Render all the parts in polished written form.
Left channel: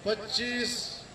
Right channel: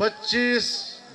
25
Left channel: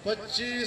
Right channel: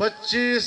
25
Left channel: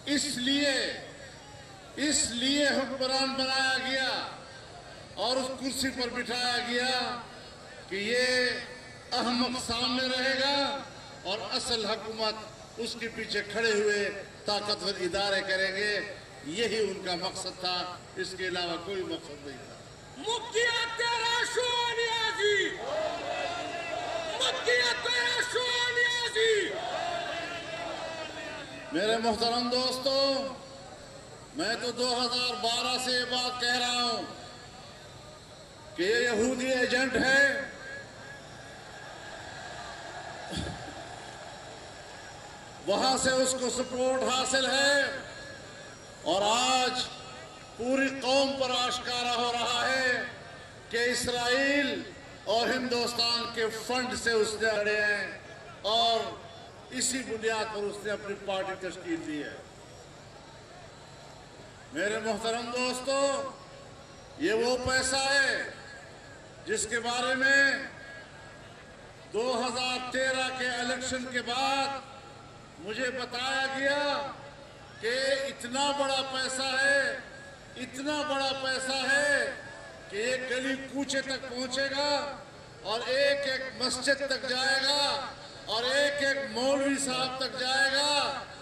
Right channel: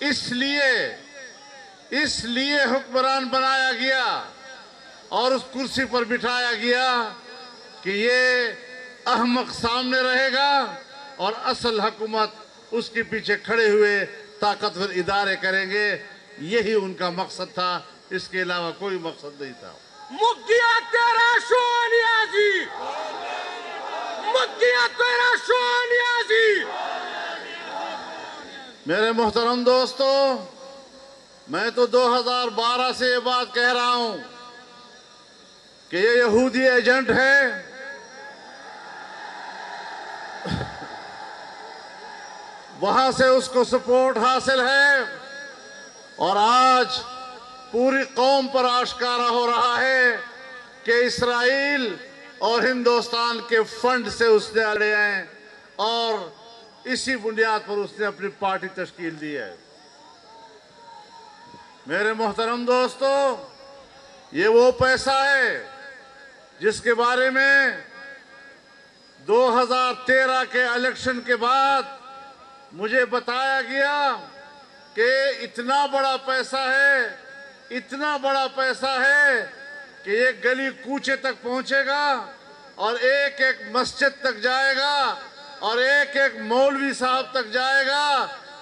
اس لیے حکمران بنایا گیا اور اس کرسی پر بٹھایا گیا کہ یہ احمق سامنے رہے گا اور اصل حکومت اس کے پیچھے کھڑے ہوئے طاقتور ادارے کریں گے. یہی ان کا مقصد تھا، اس کے علاوہ کوئی مقصد نہیں تھا. میرے محترم دوستو، میں تو 2012 سے یہ بات کہہ رہا ہوں کہ یہ یہودی ایجنٹ ہے. وہاں سے اس کو سپورٹ حاصل ہے اور آج پوری قوم پر آشکارا ہو رہا ہے کہ اسرائیل اور ہندوستان کے فنڈ سے اس نے لے ہیں اور اسی بنیاد پر اس نے اپنی پارٹی تشکیل دی ہے. میرے محترم دوستو، یہ وہ پیسہ ہے جس کے بارے میں 2013 کے الیکشن کے بعد مجھے بتایا گیا کہ اتنا بڑا پیسہ ہے کہ یہ گلی کوچے تک پہنچے گا اور ایک ایک مسجد تک جائے گا اور ایک ایک مولوی صاحب تک جائے گا.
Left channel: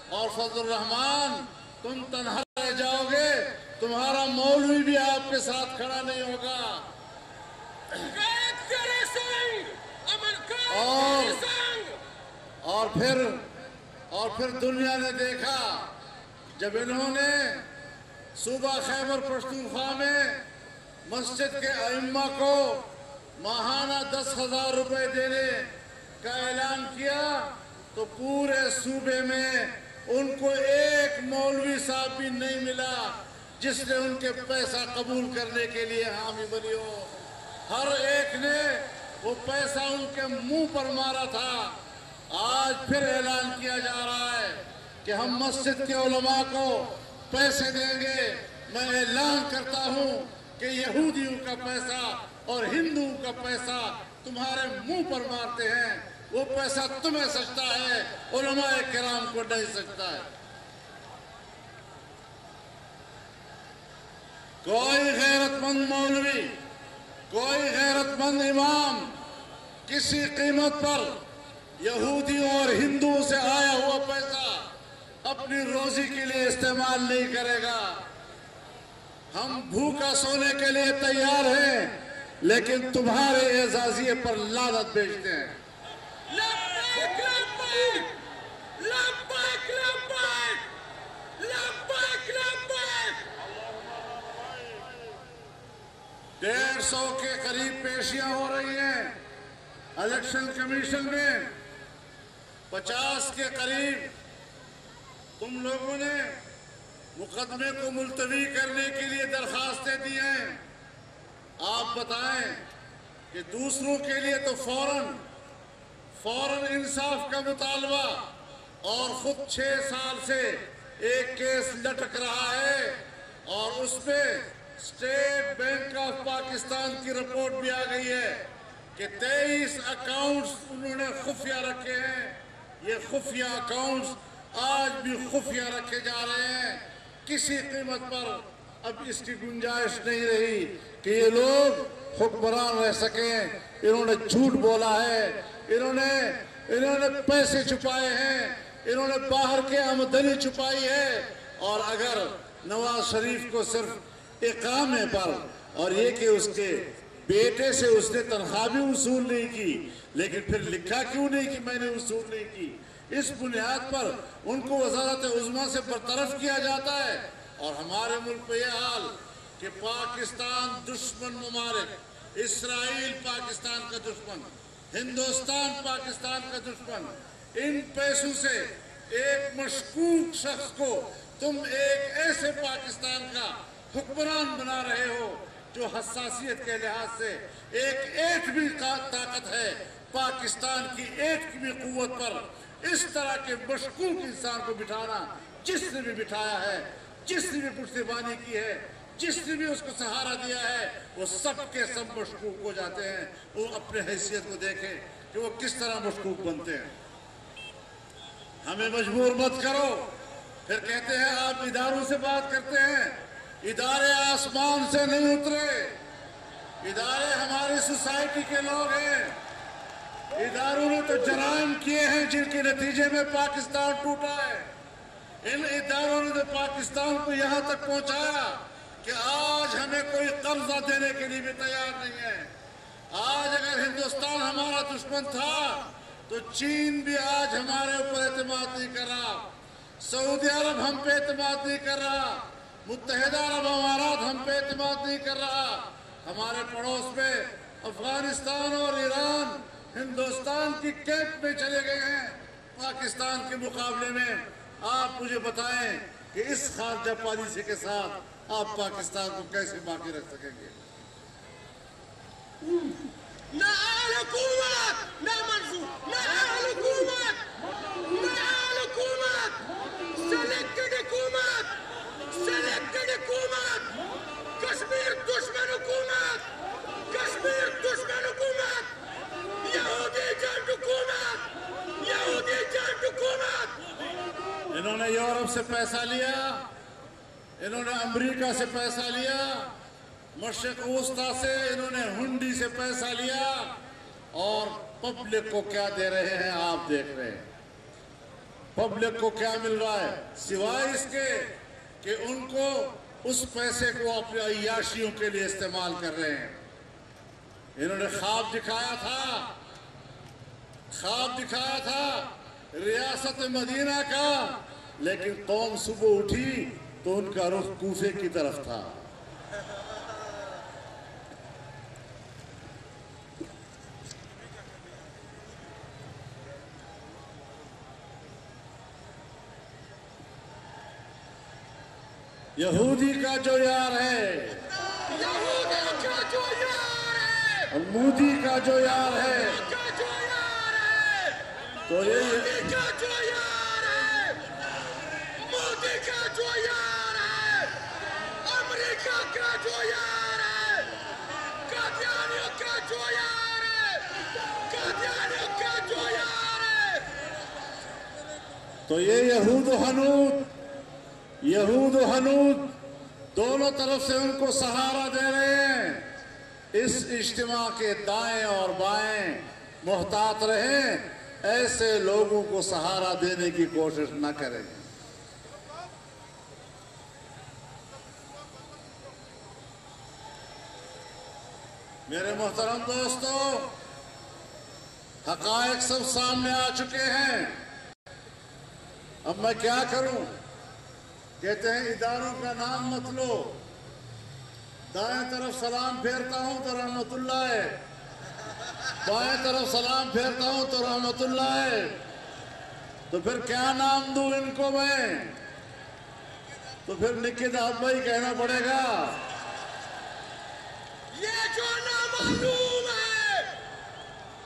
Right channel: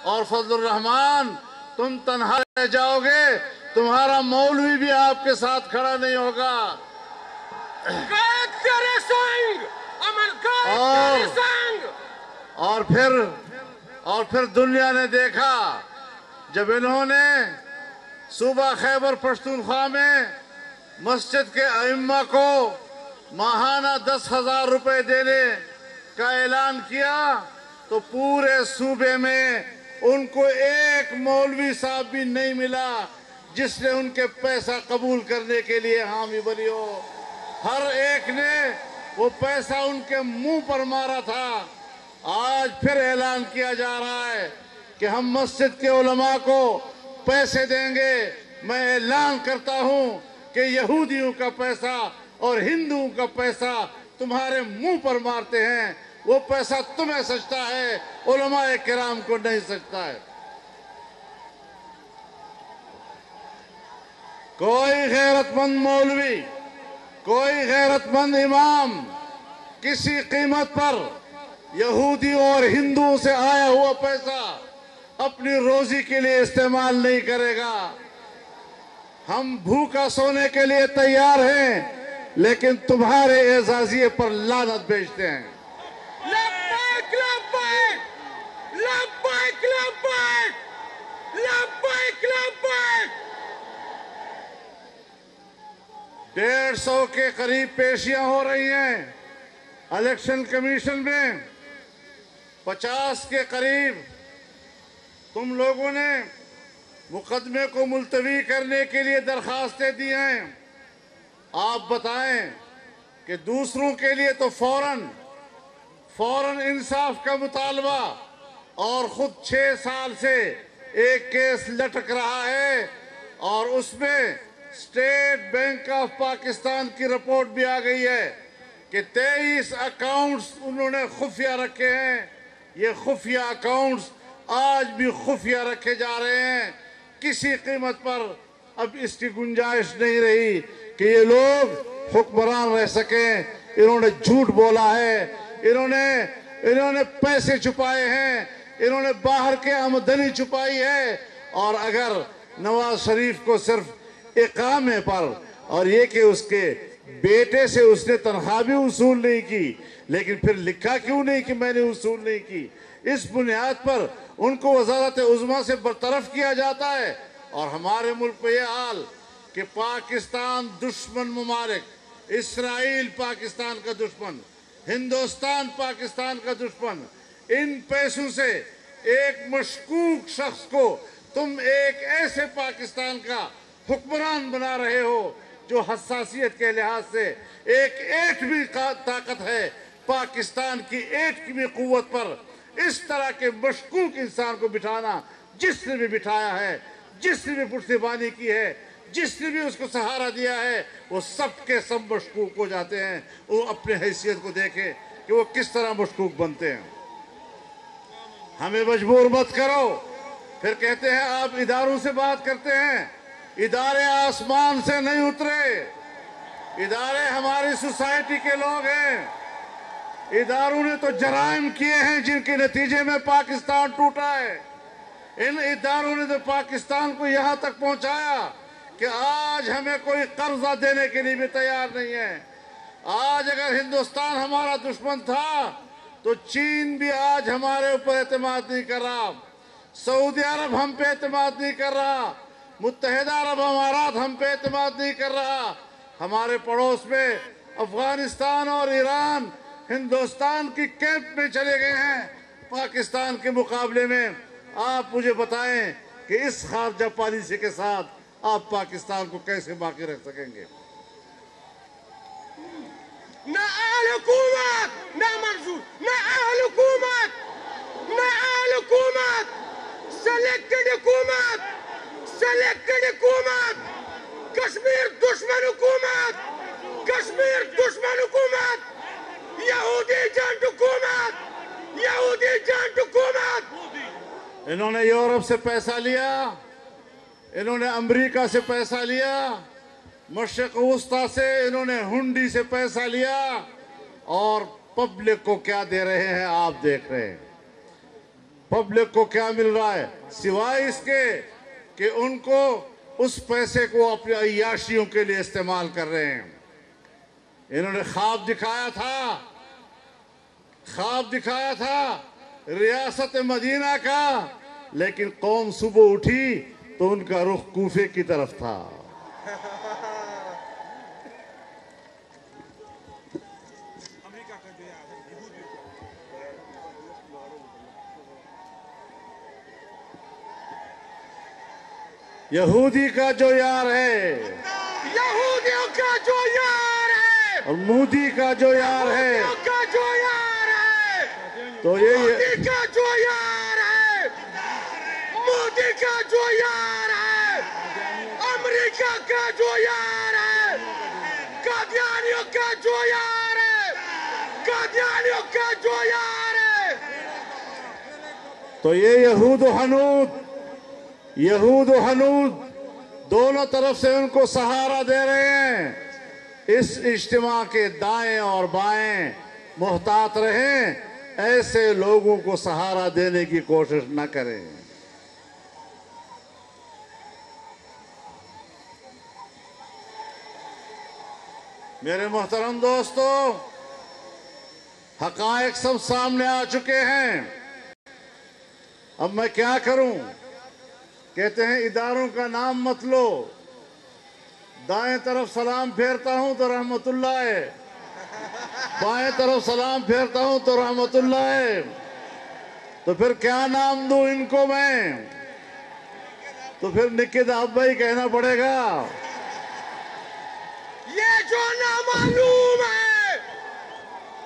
اور فضل الرحمان، تم تنہا رہ جاؤ گے، تمہارا مولوی بھی آپ کے ساتھ کھڑا نہیں ہوگا. اور پھر دنیا نے دیکھا جب انہوں نے صوبہ خیبر پختونخوا میں مسجد کے ائمہ کو ماہانہ 10,000 روپے دینے کا اعلان کیا تو پورے صوبے میں ان کو ایک مولوی صاحب بھی نہیں ملا جس نے ان کے پیسہ قبول کرنے کے لیے حامی بنی ہو. ہر ایک نے وہ پیسہ ان کے منہ پر مارا تھا. آج پھر اعلان کیا جا رہا ہے کہ ہم مسجد کے علماء کو پیسے دیں گے. میں اعلان کرتا ہوں کہ یہودیوں کا پیسہ اور ہندوؤں کا پیسہ تمہارے منہ پر مارتے ہیں. وہ پیسہ تمہیں سچتا ہے، علماء کرام کو نہیں سچتا ہے. کوئی غیرت مند مولوی، کوئی غیرت مند امام کسی قیمت پر یہودیوں اور ہندوؤں سے آیا ہوا پیسہ اپنی روزی کے لیے استعمال نہیں کرے گا. ہم بھوکا سونے کے لیے تیار ہیں لیکن تمہارے اعزازیے پر لعنت بھیجتے ہیں. ڈیڑھ 150 کے قریب پیشیاں ہو رہی ہیں الیکشن کمیشن میں. 50 کے قریب تم لوگوں نے مقدمے کو ملتوی کرنے کے لیے درخواستیں دی ہیں. آپ بتائیں کہ دوسروں کے لیے تو فوراً انصاف کا مطالبہ اور خود 6 سال سے ایک کیس لٹک رہا ہے اور اس میں اسٹیٹ بینک آف پاکستان کی رپورٹ بھی آ گئی ہے کہ 23 اکاؤنٹس انہوں نے خفیہ رکھے ہیں. یہ خفیہ اکاؤنٹس آج بھی خفیہ رکھے جا رہے ہیں. کسی قیمت پر اب اس کی گنجائش نہیں رہی کہ یہ لوگ حکمران رہ سکیں. انہوں نے جھوٹ بولا ہے، انہوں نے پیسے چھپائے ہیں، انہوں نے باہر کے آمدنی چھپائی ہے. اور اگر نواز شریف کو صرف اقامے پر اور یہ کہ اس کے بیٹے سے اس نے تنخواہ بھی وصول نہیں کی، لیکن پھر لکھا کیوں نہیں کہ میں نے وصول نہیں کی؟ اس بنیاد پر ان کو وزارت عظمیٰ سے برطرف کیا جاتا ہے. اور ہمارے ملک کو یہ حال کہ پاکستان دشمن ممالک، اسرائیل پاکستان کا دشمن، ہندوستان پاکستان کا دشمن، ان پیسوں سے ایک مشکوک شخص کو تم ایک ایسے پاکستان کا حکمران بنا رہے ہو جو حساسیت کے لحاظ سے ایک بھی طاقت ہے پاکستان کی ایک بھی قوت پر. اس طرح کے مشکوک انسان کو بٹھانا، جس نے بھی بٹھایا ہے، جس نے بھی پشتیبانی کی ہے، جس نے بھی اس کو سہارا دیا ہے، وہ سب کے سب مشکوک ہو جاتے ہیں. وہ اپنے حیثیت کو دیکھیں کہ وہ کس طرح مشکوک بنتے ہیں. ہمیں مجبور مت کرو پھر کہتے ہیں آپ اداروں سے بات کرتے ہیں. ادارے آسمان سے نہیں اترے. ادارے ہماری سوسائٹی کے لوگ ہیں. اداروں نے تو جرائم کیے ہیں جن کے نتیجے میں پاکستان ٹوٹا ہے. ان اداروں نے تو پاکستان کو یہاں تک پہنچایا کہ آج ہمیں کوئی قرضہ دینے کے لیے بھی تیار نہیں ہے. آج اگر ہندوستان ہمارا دشمن تھا تو چین بھی آج ہمارے اوپر اعتماد نہیں کر رہا. سعودی عرب ہم پہ اعتماد نہیں کر رہا. متحدہ عرب امارات ہم پہ اعتماد نہیں کر رہا. ہمارے پڑوس میں افغانستان اور ایران ہندوستان کی کیمپ میں چلے گئے ہیں پاکستان کے مقابلے میں. آپ مجھے بتائیں کہ اس خارجہ پالیسی کے ساتھ آپ پاکستان کو کیسے باقی رکھ سکیں گے؟ مع الحكومة مع منصور مع الحكومة مع الحكومة سلك الحكومة سلك الحكومة كشمير دشمن حكومة كشمير دشمن حكومة يهودي جان حكومة يهودي جان حكومة. انہوں نے یورپ سے پیسہ لیا. انہوں نے امریکہ سے پیسہ لیا. مشرق وسطیٰ سے انہوں نے ہنڈی سے پیسہ لیا. اور پبلک کو کیا دے رہے ہیں آپ دیکھ رہے ہیں. پبلک کو کیا مل رہا ہے سوائے اس کے کہ ان کو اس پیسے کو اپنی عیاشیوں کے لیے استعمال کر رہے ہیں. انہوں نے خواب دکھایا تھا ریاست مدینہ کا، لیکن قوم صبح اٹھی تو ان کا رخ کوفے کی طرف تھا. یہودی کا جو یار ہے، یہودیوں کا جو یار ہے، مودی کا جو یار ہے، کا جو یار ہے، تو یہ مودی کا جو یار ہے، مودی کا جو یار ہے، امریکہ کا جو یار ہے، قادیانیوں کا جو یار ہے، قادیانیوں کا جو یار ہے. تو یہ یہود و حنود دونوں طرف سے ان کو سہارا دے رہے ہیں. اس اجتماع کے دائیں اور بائیں محتاط رہیں. ایسے لوگوں کو سہارا دینے کی کوشش نہ کریں. میرے محترم دوستو، حقائق سب سامنے آ چکے ہیں. اب میں کیا کروں؟ کہتے ہیں اداروں کا نام مت لو. دائیں طرف سلام پھیرتا ہوں تو رحمت اللہ ہے، بائیں طرف سلام پھیرتا ہوں تو رحمت اللہ ہے. تو پھر کیا نام دوں ان کو میں؟ تو پھر نکت ابائی کہنا پڑے گا. یہ جو نامعلوم ہے،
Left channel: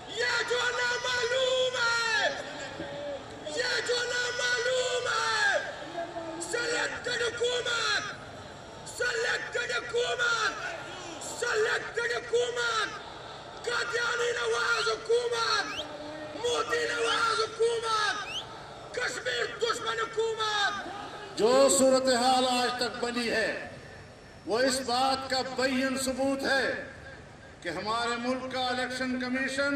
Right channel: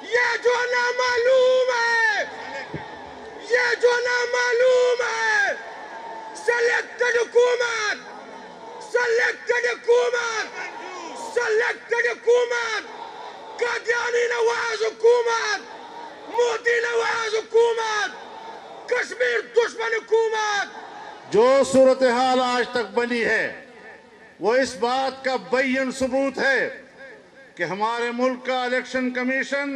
یہ جو نامعلوم ہے، یہ جو نامعلوم ہے، سلیکٹڈ حکومت، سلیکٹڈ حکومت، سلیکٹڈ حکومت، قادیانی نواز حکومت، مودی نواز حکومت، کشمیر دشمن حکومت. جو صورتحال آج تک بنی ہے وہ اس بات کا بین ثبوت ہے کہ ہمارے ملک کا الیکشن کمیشن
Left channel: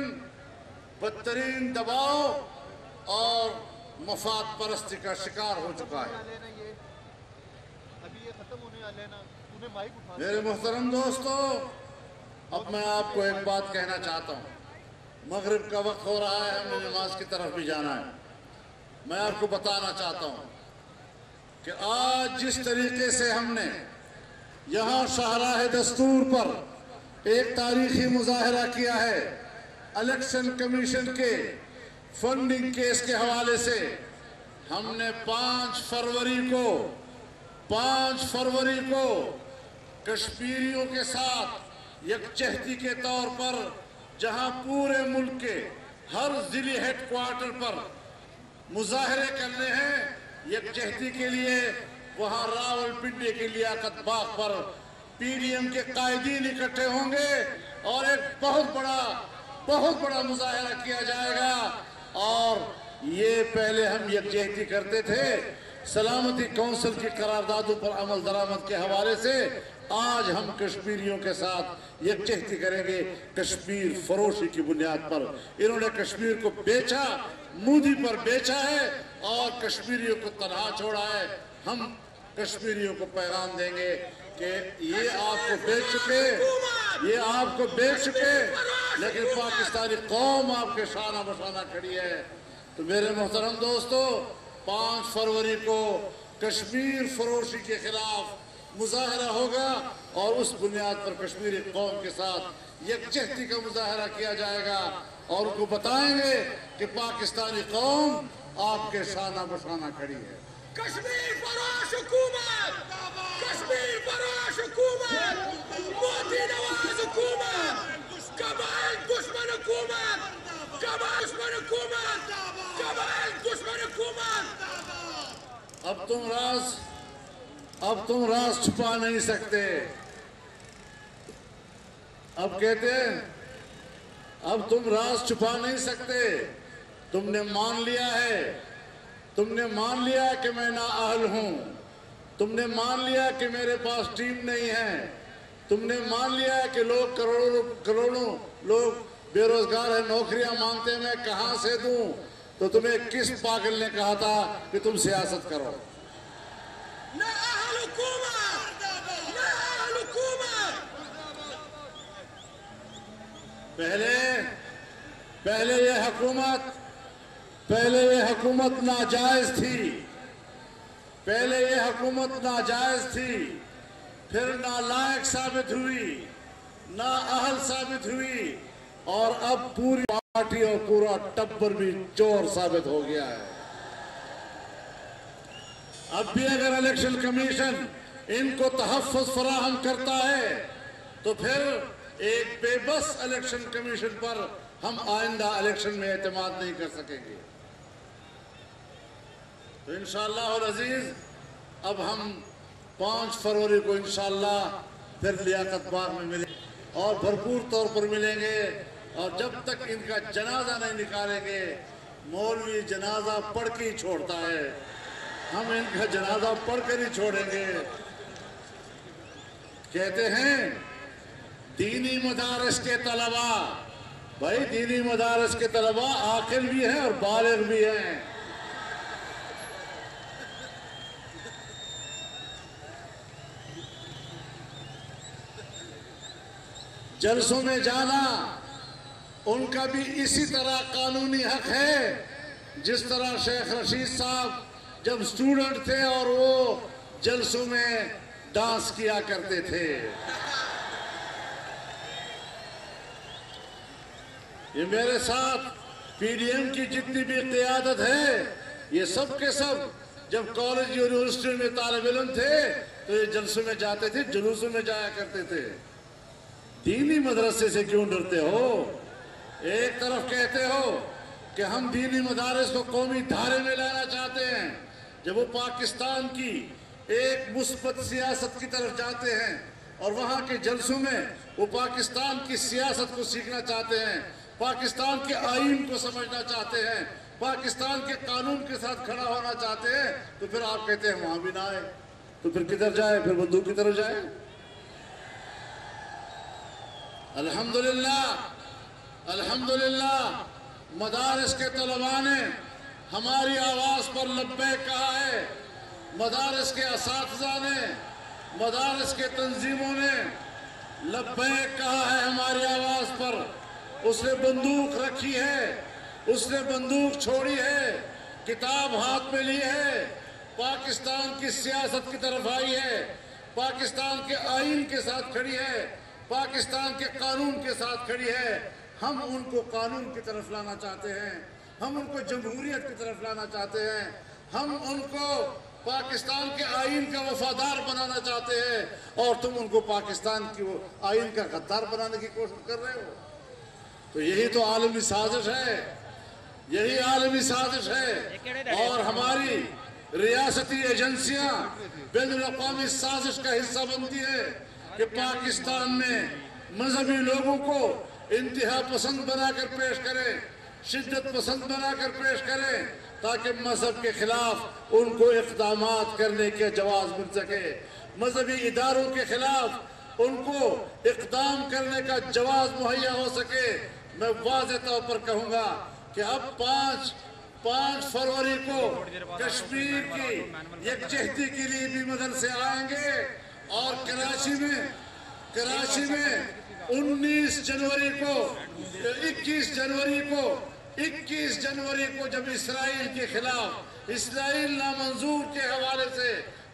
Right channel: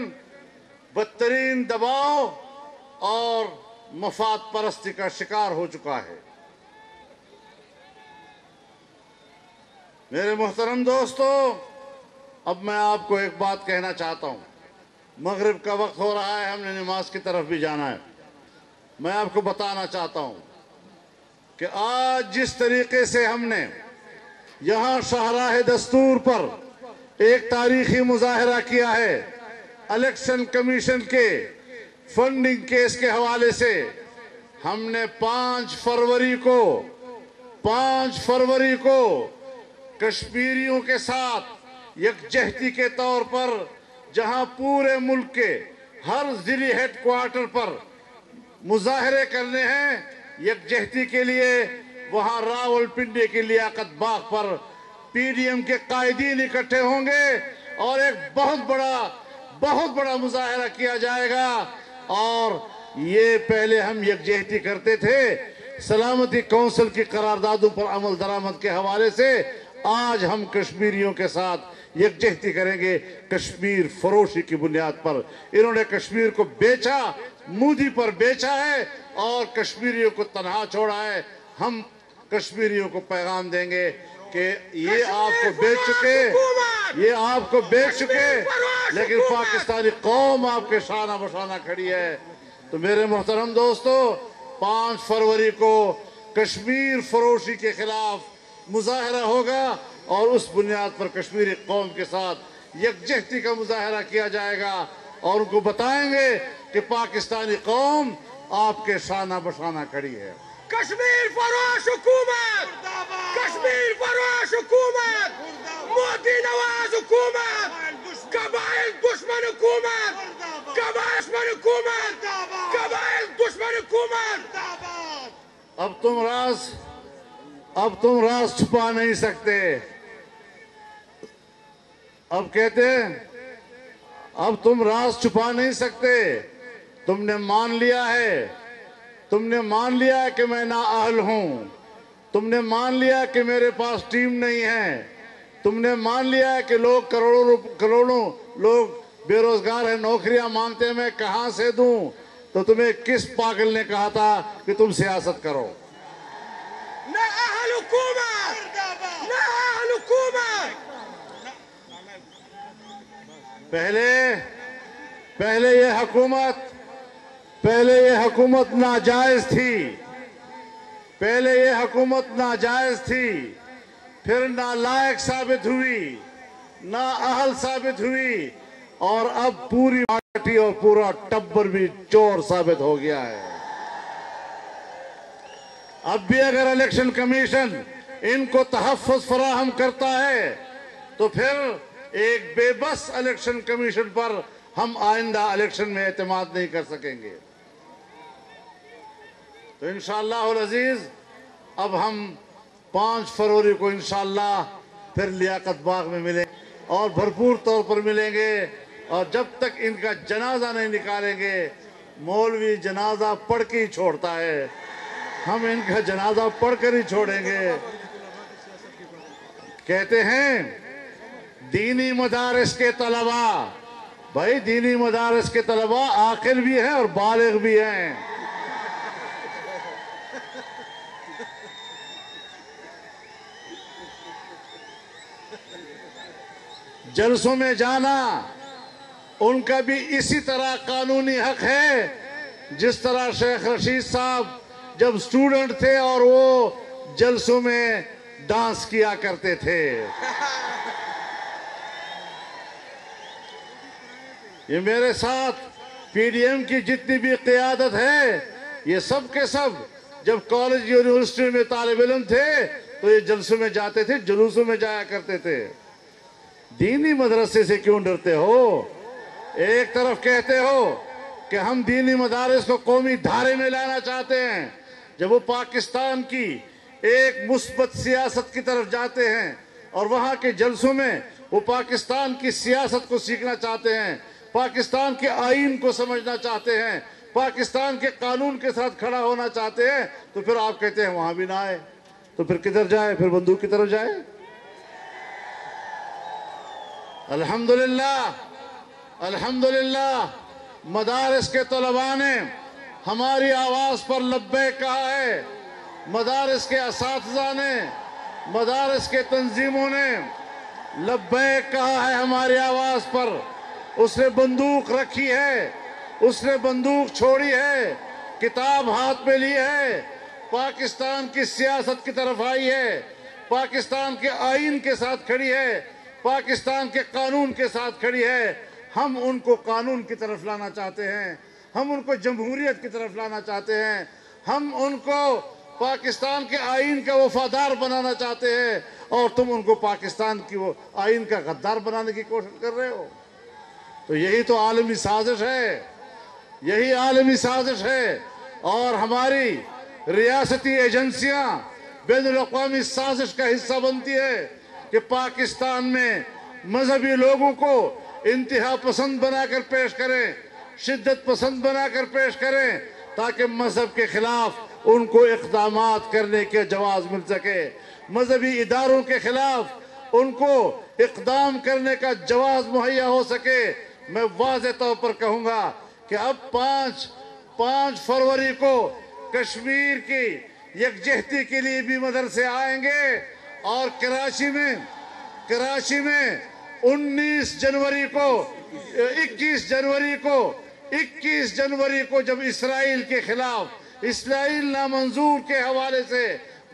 بدترین دباؤ اور مفاد پرستی کا شکار ہو چکا ہے. میرے محترم دوستو، اب میں آپ کو ایک بات کہنا چاہتا ہوں. مغرب کا وقت ہو رہا ہے، ہمیں نماز کی طرف بھی جانا ہے. میں آپ کو بتانا چاہتا ہوں کہ آج جس طریقے سے ہم نے یہاں شاہراہ دستور پر ایک تاریخی مظاہرہ کیا ہے الیکشن کمیشن کے فنڈنگ کیس کے حوالے سے، ہم نے 5 فروری کو کشمیریوں کے ساتھ یکجہتی کے طور پر، جہاں پورے ملک کے ہر ضلعی ہیڈ کوارٹر پر مظاہرے کرنے ہیں یکجہتی کے لیے، وہاں راولپنڈی کی لیاقت باغ پر پی ڈی ایم کے قائدین اکٹھے ہوں گے اور ایک بہت بڑا مظاہرہ کیا جائے گا. اور یہ پہلے ہم یکجہتی کرتے تھے سلامتی کونسل کی قراردادوں پر عمل درآمد کے حوالے سے آج ہم کشمیریوں کے ساتھ یکجہتی کریں گے کشمیر فروشی کی بنیاد پر۔ انہوں نے کشمیر کو بیچا، مودی پر بیچا ہے اور کشمیریوں کو تنہا چھوڑا ہے۔ ہم کشمیریوں کو پیغام دیں گے کہ یہ آپ کو بیچ چکے لیکن پاکستانی قوم آپ کے شانہ بشانہ کھڑی ہے۔ تو میرے محترم دوستو، 5 فروری کو کشمیر فروشی کے خلاف مظاہرہ ہوگا اور اس بنیاد پر کشمیری قوم کے ساتھ یکجہتی کا مظاہرہ کیا جائے گا اور ان کو بتائیں گے کہ پاکستانی قوم آپ کے شانہ بشانہ کھڑی ہے۔ کشمیر فروش حکومت، کشمیر فروش حکومت، مودی نواز حکومت، قبائل دشمن حکومت، قبائل دشمن حکومت، قبائل دشمن حکومت۔ اب تم راز چھپا نہیں سکتے۔ اب کہتے ہیں اب تم راز چھپا نہیں سکتے۔ تم نے مان لیا ہے، تم نے مان لیا کہ میں نااہل ہوں، تم نے مان لیا کہ میرے پاس ٹیم نہیں ہے، تم نے مان لیا کہ لوگ کروڑوں لوگ بے روزگار ہیں، نوکریاں مانگتے ہیں، میں کہاں سے دوں؟ تو تمہیں کس پاگل نے کہا تھا کہ تم سیاست کرو؟ نااہل حکومت، نااہل حکومت۔ پہلے یہ حکومت ناجائز تھی، پھر نالائق ثابت ہوئی، نااہل ثابت ہوئی اور اب پوری پارٹی اور پورا ٹبر بھی چور ثابت ہو گیا ہے۔ اب بھی اگر الیکشن کمیشن ان کو تحفظ فراہم کرتا ہے تو پھر ایک بے بس الیکشن کمیشن پر ہم آئندہ الیکشن میں اعتماد نہیں کر سکیں گے۔ تو انشاءاللہ العزیز اب ہم 5 فروری کو انشاءاللہ پھر لیاقت باغ میں ملیں اور بھرپور طور پر ملیں گے، اور جب تک ان کا جنازہ نہیں نکالیں گے، مولوی جنازہ پڑھ کے ہی چھوڑتا ہے، ہم ان کا جنازہ پڑھ کر ہی چھوڑیں گے۔ کہتے ہیں دینی مدارس کے طلباء، بھائی دینی مدارس کے طلباء عاقل بھی ہیں اور بالغ بھی ہیں۔ جلسوں میں جانا ان کا بھی اسی طرح قانونی حق ہے، جس طرح شیخ رشید صاحب جب اسٹوڈنٹ تھے اور وہ جلسوں میں ڈانس کیا کرتے تھے۔ یہ میرے ساتھ پی ڈی ایم کی جتنی بھی قیادت ہے، یہ سب کے سب جب کالج یونیورسٹی میں طالب علم تھے تو یہ جلسوں میں جاتے تھے، جلوسوں میں جایا کرتے تھے۔ دینی مدرسے سے کیوں ڈرتے ہو؟ ایک طرف کہتے ہو کہ ہم دینی مدارس کو قومی دھارے میں لانا چاہتے ہیں، جب وہ پاکستان کی ایک مثبت سیاست کی طرف جاتے ہیں اور وہاں کے جلسوں میں وہ پاکستان کی سیاست کو سیکھنا چاہتے ہیں، پاکستان کے آئین کو سمجھنا چاہتے ہیں، پاکستان کے قانون کے ساتھ کھڑا ہونا چاہتے ہیں، تو پھر آپ کہتے ہیں وہاں بھی نہ آئے، تو پھر کدھر جائے؟ پھر بندوق کی طرف جائے۔ الحمدللہ مدارس کے طلباء نے ہماری آواز پر لبیک کہا ہے، مدارس کے اساتذہ نے، مدارس کے تنظیموں نے لبیک کہا ہے ہماری آواز پر۔ اس نے بندوق رکھی ہے، اس نے بندوق چھوڑی ہے، کتاب ہاتھ میں لی ہے، پاکستان کی سیاست کی طرف آئی ہے، پاکستان کے آئین کے ساتھ کھڑی ہے، پاکستان کے قانون کے ساتھ کھڑی ہے۔ ہم ان کو قانون کی طرف لانا چاہتے ہیں، ہم ان کو جمہوریت کی طرف لانا چاہتے ہیں، ہم ان کو پاکستان کے آئین کا وفادار بنانا چاہتے ہیں، اور تم ان کو پاکستان کی وہ آئین کا غدار بنانے کی کوشش کر رہے ہو۔ تو یہی تو عالمی سازش ہے، یہی عالمی سازش ہے، اور ہماری ریاستی ایجنسیاں بین الاقوامی سازش کا حصہ بنتی ہے کہ پاکستان میں مذہبی لوگوں کو انتہا پسند بنا کر پیش کریں، شدت پسند بنا کر پیش کریں، تاکہ مذہب کے خلاف ان کو اقدامات کرنے کے جواز مل سکے، مذہبی اداروں کے خلاف ان کو اقدام کرنے کا جواز مہیا ہو سکے۔ میں واضح طور پر کہوں گا کہ اب 5 فروری کو کشمیر کی یکجہتی کے لیے بھی مدرسے آئیں گے، اور کراچی میں 21 جنوری کو جب اسرائیل کے خلاف، اسرائیل نامنظور کے حوالے سے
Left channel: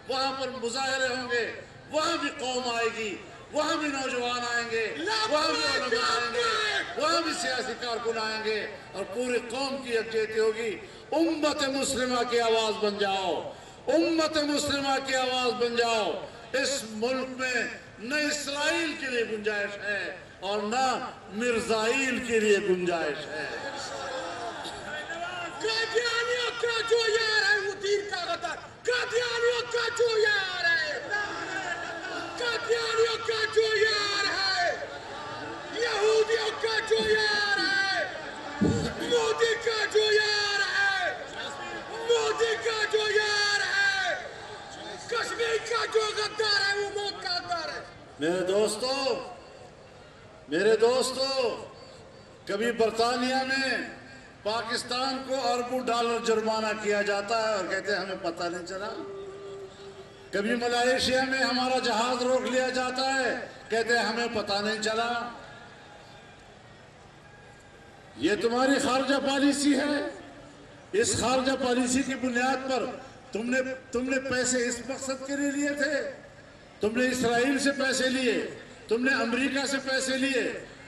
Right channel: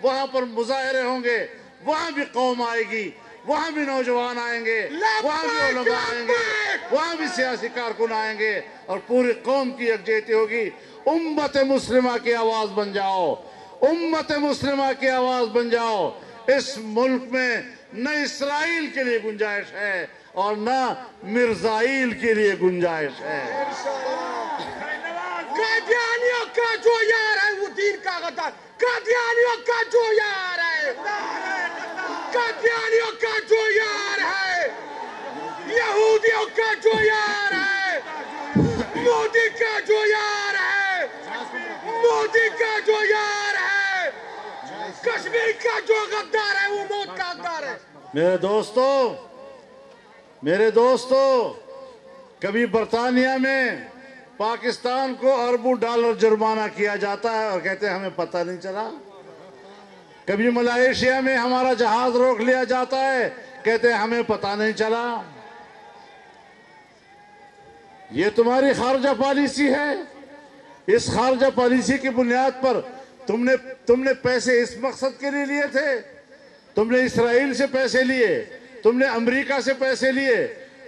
وہاں پر مظاہرے ہوں گے، وہاں بھی قوم آئے گی، وہاں بھی نوجوان آئیں گے، وہاں بھی علماء آئیں گے، وہاں بھی سیاسی کارکن آئیں گے، اور پوری قوم کی یکجہتی ہوگی۔ امت مسلمہ کی آواز بن جاؤ، امت مسلمہ کی آواز بن جاؤ۔ اس ملک میں نہ اسرائیل کے لیے گنجائش ہے اور نہ مرزائیل کے لیے گنجائش ہے۔ قادیانیوں کا جو یار ہے وہ دین کا غدار، قادیانیوں کا جو یار ہے، قادیانیوں کا جو یار ہے، یہودیوں کا جو یار ہے، مودی کا جو یار ہے، مودی کا جو یار ہے، کشمیر کا جو غدار ہے وہ موت کا غدار ہے۔ میرے دوستو، کبھی برطانیہ میں پاکستان کو اربوں ڈالر جرمانہ کیا جاتا ہے اور کہتے ہیں ہمیں پتہ نہیں چلا۔ کبھی ملائیشیا میں ہمارا جہاز روک لیا جاتا ہے، کہتے ہیں ہمیں پتہ نہیں چلا۔ یہ تمہاری خارجہ پالیسی ہے۔ اس خارجہ پالیسی کی بنیاد پر تم نے پیسے اس مقصد کے لیے لیے تھے۔ تم نے اسرائیل سے پیسے لیے، تم نے امریکہ سے پیسے لیے،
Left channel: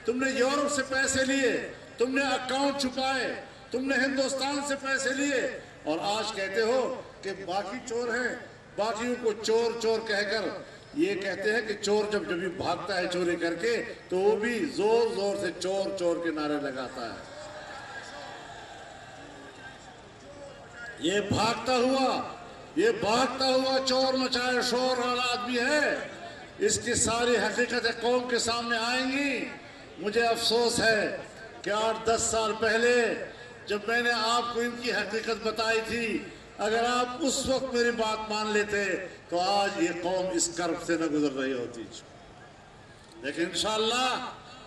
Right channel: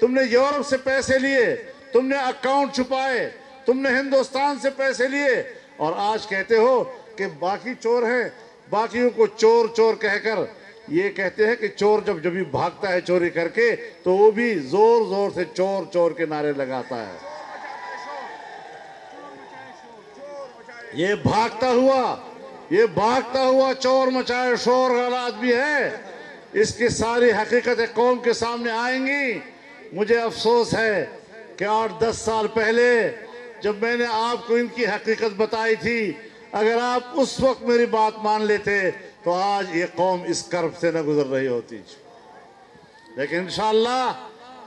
تم نے یورپ سے پیسے لیے، تم نے اکاؤنٹ چھپائے، تم نے ہندوستان سے پیسے لیے، اور آج کہتے ہو کہ باقی چور ہیں۔ باقیوں کو چور چور کہہ کر یہ کہتے ہیں کہ چور جب بھی بھاگتا ہے چوری کر کے تو وہ بھی زور زور سے چور چور کے نعرے لگاتا ہے۔ یہ بھاگتا ہوا چور مچائے شور والا آدمی ہے۔ اس کی ساری حقیقتیں قوم کے سامنے آئیں گی۔ مجھے افسوس ہے کہ 8-10 سال پہلے جب میں نے آپ کو ان کی حقیقت بتائی تھی، اگر آپ اس وقت میری بات مان لیتے تو آج یہ قوم اس کرب سے نہ گزر رہی ہوتی۔ لیکن انشاءاللہ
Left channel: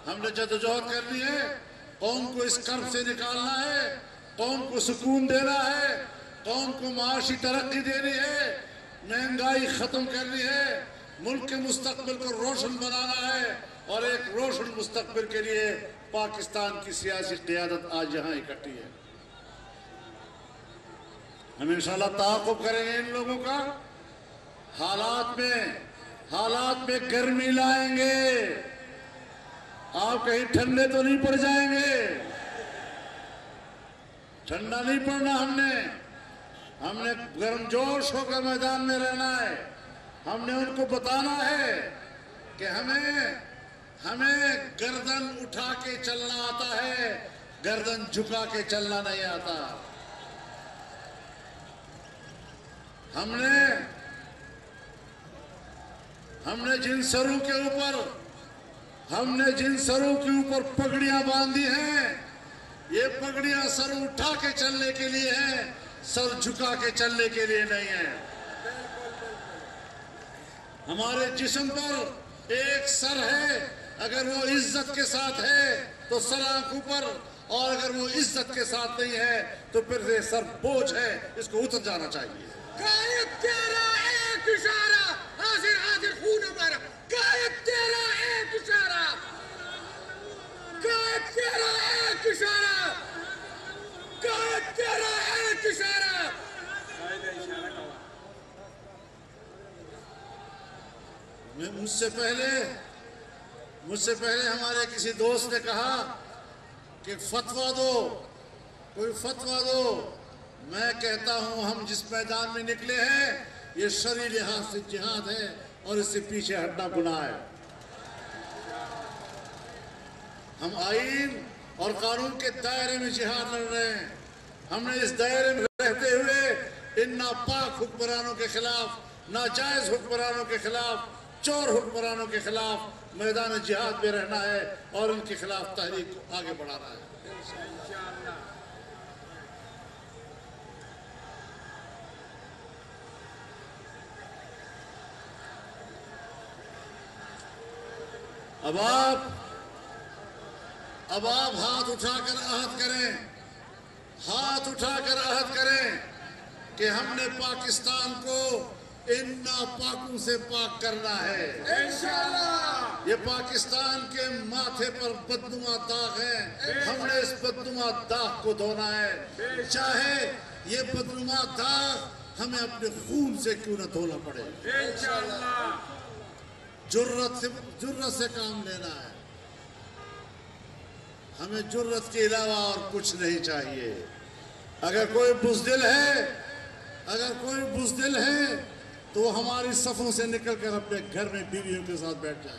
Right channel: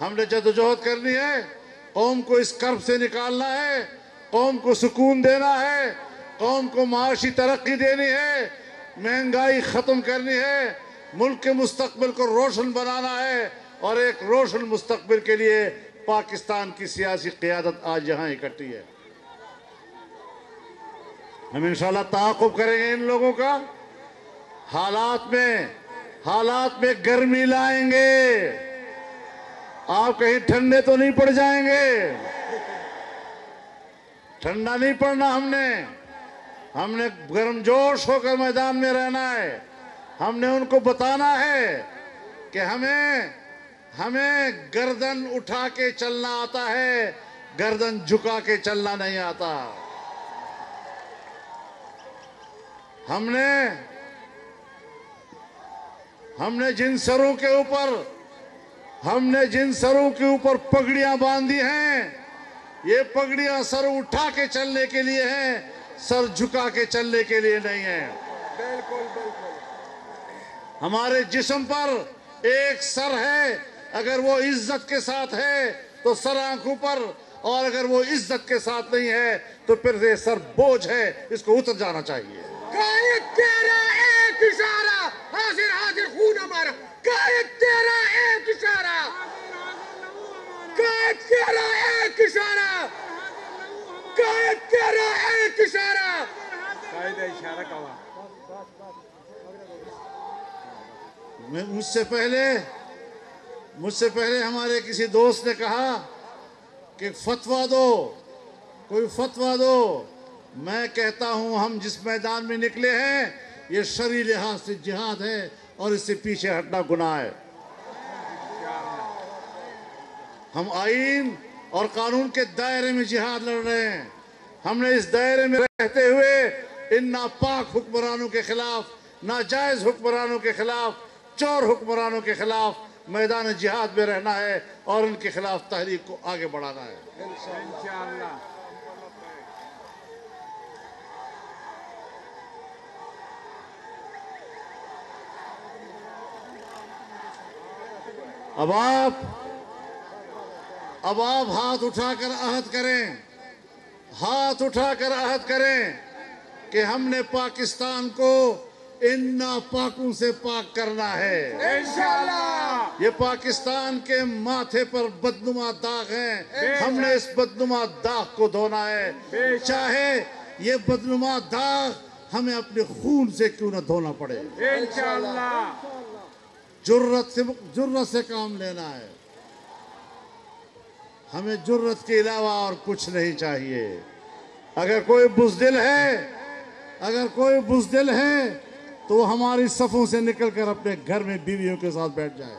ہم نے جدوجہد کرنی ہے، قوم کو اس کرب سے نکالنا ہے، قوم کو سکون دینا ہے، قوم کو معاشی ترقی دینی ہے، مہنگائی ختم کرنی ہے، ملک کے مستقبل کو روشن بنانا ہے، اور ایک روشن مستقبل کے لیے پاکستان کی سیاسی قیادت آج یہاں اکٹھی ہے۔ ہم انشاءاللہ تعاقب کریں گے ان لوگوں کا، حالات میں گرمی لائیں گے۔ آپ کہیں ٹھنڈے تو نہیں پڑ جائیں گے، ٹھنڈا نہیں پڑنا۔ ہم نے گرم جوش ہو کر میدان میں رہنا ہے۔ ہم نے ان کو بتانا ہے کہ ہمیں گردن اٹھا کے چلنا آتا ہے، گردن جھکا کے چلنا نہیں آتا۔ ہم نے جن سروں کے اوپر پگڑیاں باندھی ہیں، یہ پگڑیاں سر اٹھا کے چلنے کے لیے ہیں، سر جھکا کے چلنے کے لیے نہیں ہیں۔ ہمارے جسم پر ایک سر ہے، اگر وہ عزت کے ساتھ ہے تو سر آنکھوں پر، اور اگر وہ عزت کے ساتھ نہیں ہے تو پھر یہ سر بوجھ ہے، اس کو اتر جانا چاہیے۔ قائد تیرا ایک اشارہ، حاضر خون ہمارا، قائد تیرا ایک اشارہ، قائد تیرا ایک اشارہ، قائد تیرا ایک اشارہ۔ مجھ سے پہلے ہمارے کسی دوست نے کہا کہ فتویٰ دو، کوئی فتویٰ دو۔ میں کہتا ہوں ہم جس میدان میں نکلے ہیں یہ شرعی لحاظ سے جہاد ہے، اور اس سے پیچھے ہٹنا گناہ ہے۔ ہم آئین اور قانون کے دائرے میں جہاد لڑ رہے ہیں۔ ہم نے اس دائرے میں رہتے ہوئے ان ناپاک حکمرانوں کے خلاف، ناجائز حکمرانوں کے خلاف، چور حکمرانوں کے خلاف میدان جہاد میں رہنا ہے، اور ان کے خلاف تحریک کو آگے بڑھانا ہے۔ اب آپ ہاتھ اٹھا کر عہد کریں، ہاتھ اٹھا کر عہد کریں کہ ہم نے پاکستان کو ان ناپاکوں سے پاک کرنا ہے انشاءاللہ۔ یہ پاکستان کے ماتھے پر بدنما داغ ہے، ہم نے اس بدنما داغ کو دھونا ہے، چاہے یہ بدنما داغ ہمیں اپنے خون سے کیوں نہ دھونا پڑے انشاءاللہ۔ جرت سے کام لینا ہے، ہمیں جرت کے علاوہ اور کچھ نہیں چاہیے۔ اگر کوئی بزدل ہے تو وہ ہماری صفوں سے نکل کر اپنے گھر میں بیویوں کے ساتھ بیٹھ جائے۔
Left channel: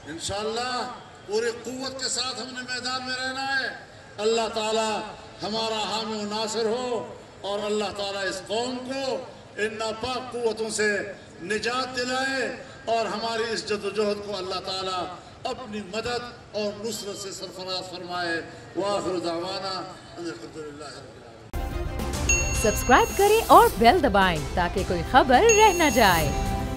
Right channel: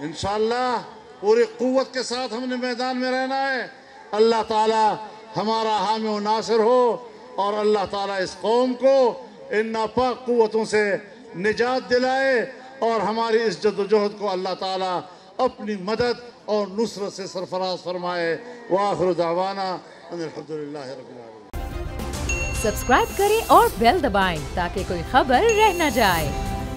انشاءاللہ پوری قوت کے ساتھ ہم نے میدان میں رہنا ہے۔ اللہ تعالی ہمارا حامی و ناصر ہو اور اللہ تعالیٰ اس قوم کو ان ناپاک قوتوں سے نجات دلائے اور ہماری اس جد و جہد کو اللہ تعالیٰ اپنی مدد اور نصرت سے سرفراز فرمائے۔ وآخر دعوانا الحمدللہ رب العالمین۔ سبسکرائب کریں اور بیل دبائیں تاکہ کوئی خبر رہ نہ جائے۔